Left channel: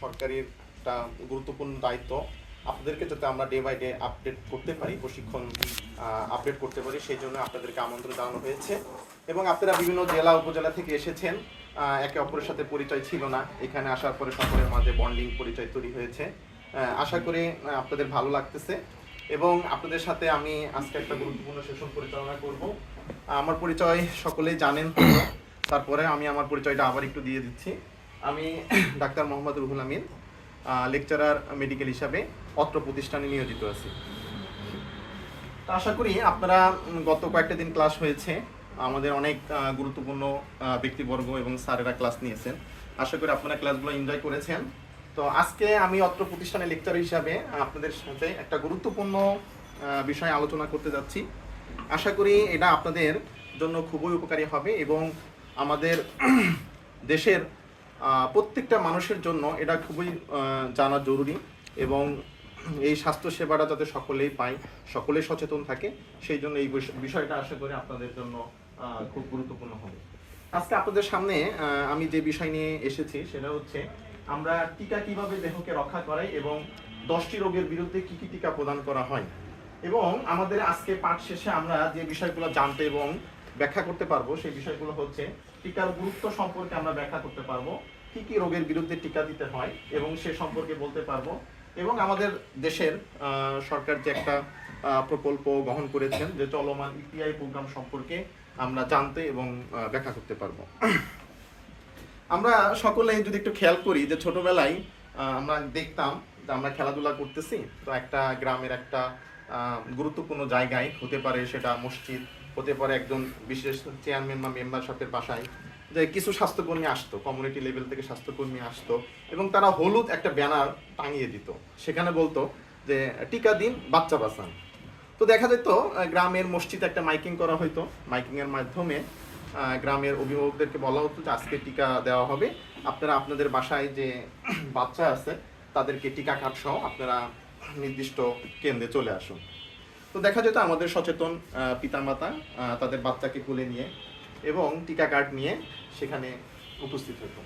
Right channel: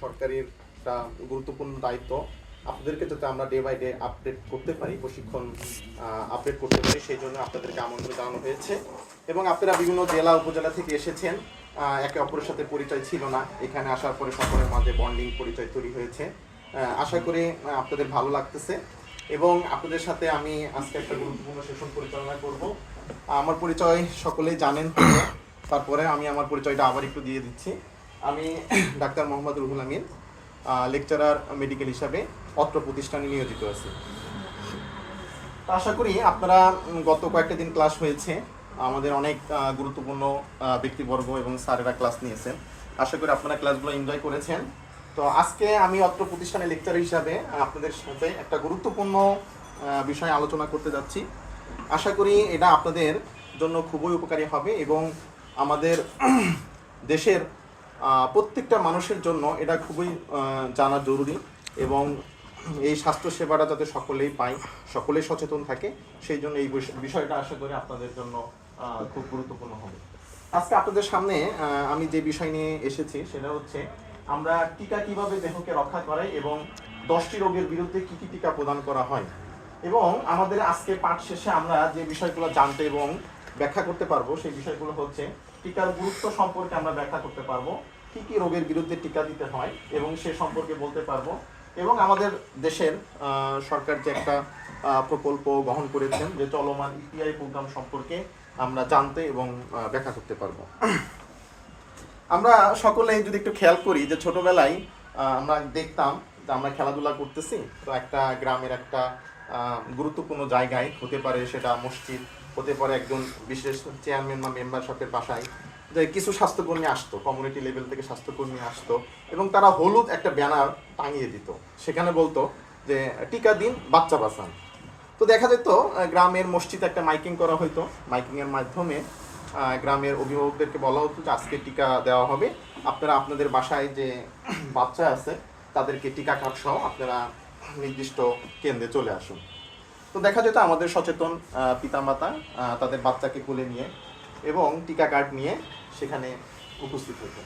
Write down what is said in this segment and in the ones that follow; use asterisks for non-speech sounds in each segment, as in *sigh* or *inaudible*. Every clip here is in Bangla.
সরকারের একটা গুরুত্বপূর্ণ দায়িত্ব। আপনাদেরকে যাতে আমরা ডে বাই ডে আপডেট করতে পারি, প্রশিক্ষণ আপডেট করতে পারি, সেই জন্য আপনাদেরকে আমন্ত্রণ জানানো হয়েছে। এবং আপনারা বিভিন্ন জেলা, উপজেলা থেকে এসেছেন একে অপরের সাথে পরিচয় ছিল না। এখানে আসার পরে সকলের মাঝে বন্ডিং পরিচয় তৈরি হয়েছে। আশা করি আপনাদের ভালো লাগতেছে। এবং আপনাদের সাথে আমি আজকে একটা গুরুত্বপূর্ণ সেশন পরিচালনা করব। আমার পরিচয় সকলেই জানেন, তারপরে আমি আমার পরিচয়টা আবার একটু দিয়ে দিচ্ছি। আমি *coughs* doctor Mohammad Ruhul Amin lecturer medical হিসাবে অত্র প্রতিষ্ঠানে নিয়োজিত আছি। আশা করি আপনারা গত কয়েকটা দিন ক্লাস হয়েছে, আমাদের অনেক গুরুত্বপূর্ণ ব্যক্তিবর্গ এবং স্যারেরা ক্লাস নিয়েছেন। আশা করি আপনারা ক্লাসগুলো এনজয় করেছেন। তো আজকে আমি অত্র প্রতিষ্ঠানে লেকচার হিসাবে আপনাদের সাথে একটা গুরুত্বপূর্ণ বিষয় আলোচনা করতে যাচ্ছি। আশা করি এটা আপনাদের জন্য খুবই উপকারী হবে এবং আমাদের *clears throat* দেশের প্রত্যেকটা মানুষের জন্য এটা খুবই জানা জরুরি এবং এই স্বাস্থ্য সেবাটা যাতে সকলেই পায়, সকলেই সচেতন থাকে, সেই জন্য এই বিষ- বিষয়টা আশা করি আপনাদের জন্য খুব গুরুত্বপূর্ণ হবে। আজকে আপনাদের সামনে আমি যে বিষয় নিয়ে এসেছি সেটা হচ্ছে, আমরা টিকা কীভাবে দেহকে রক্ষা করাই এবং দশটি রোগের বিরুদ্ধে কি কি টিকা প্রদান করা হয়। এবং আমাদের আজকে পাঠ শেষে আমরা যে বিষয়গুলো জানতে এবং ব্যাখ্যা করতে পারব। সেই বিষয়গুলো হচ্ছে টিকার গুরুত্ব সম্পর্কে আমরা ব্যাখ্যা করতে পারব, কি কি রোগের বিরুদ্ধে টিকা দিতে হয় এবং সে সম্পর্কে বলতে পারব এবং আমাদের দেশের সরকার যে একটা প্রকল্প গ্রহণ করেছেন যে চলমান ইপিআই প্রোগ্রাম সম্পর্কে আমরা জানতে এবং ব্যাখ্যা করতে পারব। আমরা সকলে যদি একটু খেয়াল করি যে ছোটবেলায় আমরা দেখতাম যে আমরা খেলাধুলা করতেছি, তো একটা গ্রামের একটা গুরুত্বপূর্ণ জায়গায় হতে পারে সেটা মসজিদ হতে পারে একজন বিশেষ চেয়ারম্যান বা মেম্বার মেম্বারশিপের বাসায়, যে কিছু স্বাস্থ্যকর্মী আসতো কমিউনিটি লেভেল থেকে স্বাস্থ্যকর্মী আসতো, এবং তারা হলুদ একটা ব্যানার টাঙিয়ে দিত। সেখানে বলতো যে, টিকা দিন, বাচ্চা বাঁচান। তো দেখা যেত গ্রামের মসজিদে একটা মাইকিং করা হতো মাইকিংয়ের মাধ্যমে গ্রামের অভিভাবকদেরকে বলা হতো যে, আজকে টিকা দেওয়া হবে। আপনারা আপনাদের বাসায় যে বাচ্চা আছে, তাদেরকে টিকা কার্ড সহ আপনারা নির্দিষ্ট কেন্দ্রে চলে আসুন। তো দেখা যেত আমাদের সচেতন পিতামাতা তাদের বাচ্চাকে কোলে নিয়ে এবং টিকা কার্ড নিয়ে সেখানে উপস্থিত হতো।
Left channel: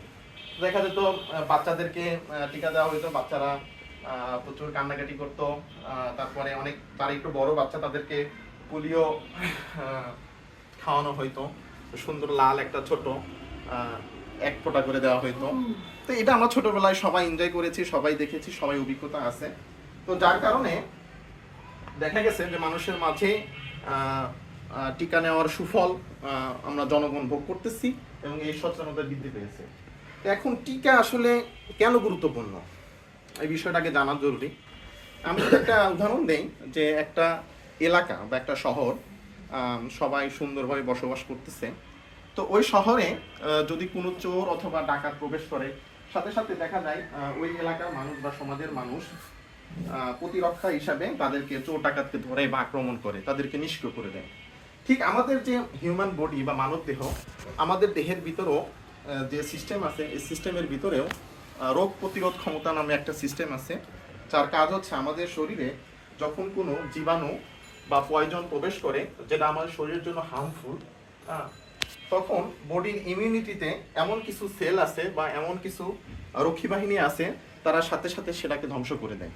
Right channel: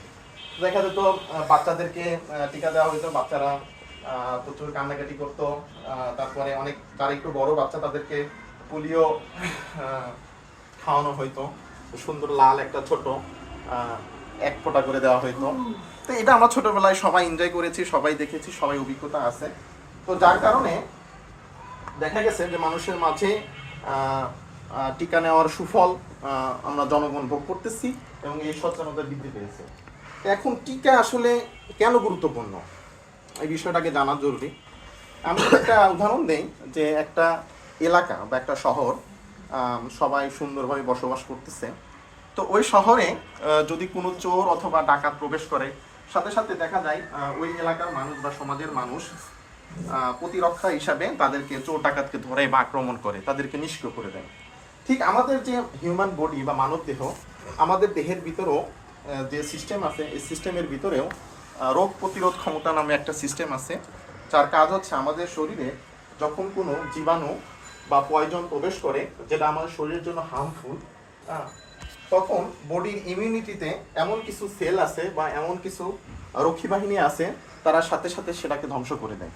দেখা যেত বাচ্চাদেরকে টিকা দেওয়া হতো বাচ্চারা প্রচুর কান্নাকাটি করতো তারপরে অনেক যারা একটু বড় বাচ্চা তাদেরকে পোলিও খাওয়ানো হইতো। সুন্দর লাল একটা ছোট এক ফোঁটা করে দেওয়া হইতো। তো এটা আমরা ছোটবেলায় সবাই এনজয় করেছি, সবাই দেখেছি, সবাই অভিজ্ঞতা আছে। তো যার কারণে দেখা গেছে যে মানুষের মাঝে টিকা নেওয়ার সুফল আমরা জনগণ ভোগ করতেছি এবং এই সচেতনতা বৃদ্ধি পেয়েছে। এখন টিকা আসলে কেন গুরুত্বপূর্ণ? এই বিষয়টাকে জানা জরুরি। আমি একটা উদাহরণ দেই যে একটা এলাকা বা একটা শহর সবাই সুন্দরভাবে বসবাস করতেছে। তো ওই শহরে যদি কোনো চোর অথবা ডাকাত প্রবেশ করে, সাথে সাথে দেখা যায় ওই এলাকার মানুষ বা সমাজের মানুষ প্রতিরক্ষা হিসাবে তাদেরকে চোর ডাকাতকে ধরে বা আক্রমণ করে, তাদেরকে নিষ্ক্রিয় করে দেয়। ঠিক আমাদের যে হিউম্যান বডি বা মানব দেহ, আমাদের দেহের ভিতরেও যে সিস্টেম আছে, এই সিস্টেমের ভিতরেও রোগ প্রতিরোধ ক্ষমতা নামে একটা সিস্টেম আছে, যার কাজ হচ্ছে আমাদের শরীরে যখন কোনো জীবাণু বা পয়জন প্রবেশ করে, যেটা আমাদের শরীরের জন্য হার্মফুল তখন বডির ইমিউনিটিতে এমন কিছু সেল আছে বা এমন কিছু রক্ষী বাহিনী আছে, তারা সাথে সাথে সেটাকে ধ্বংস করে দেয়।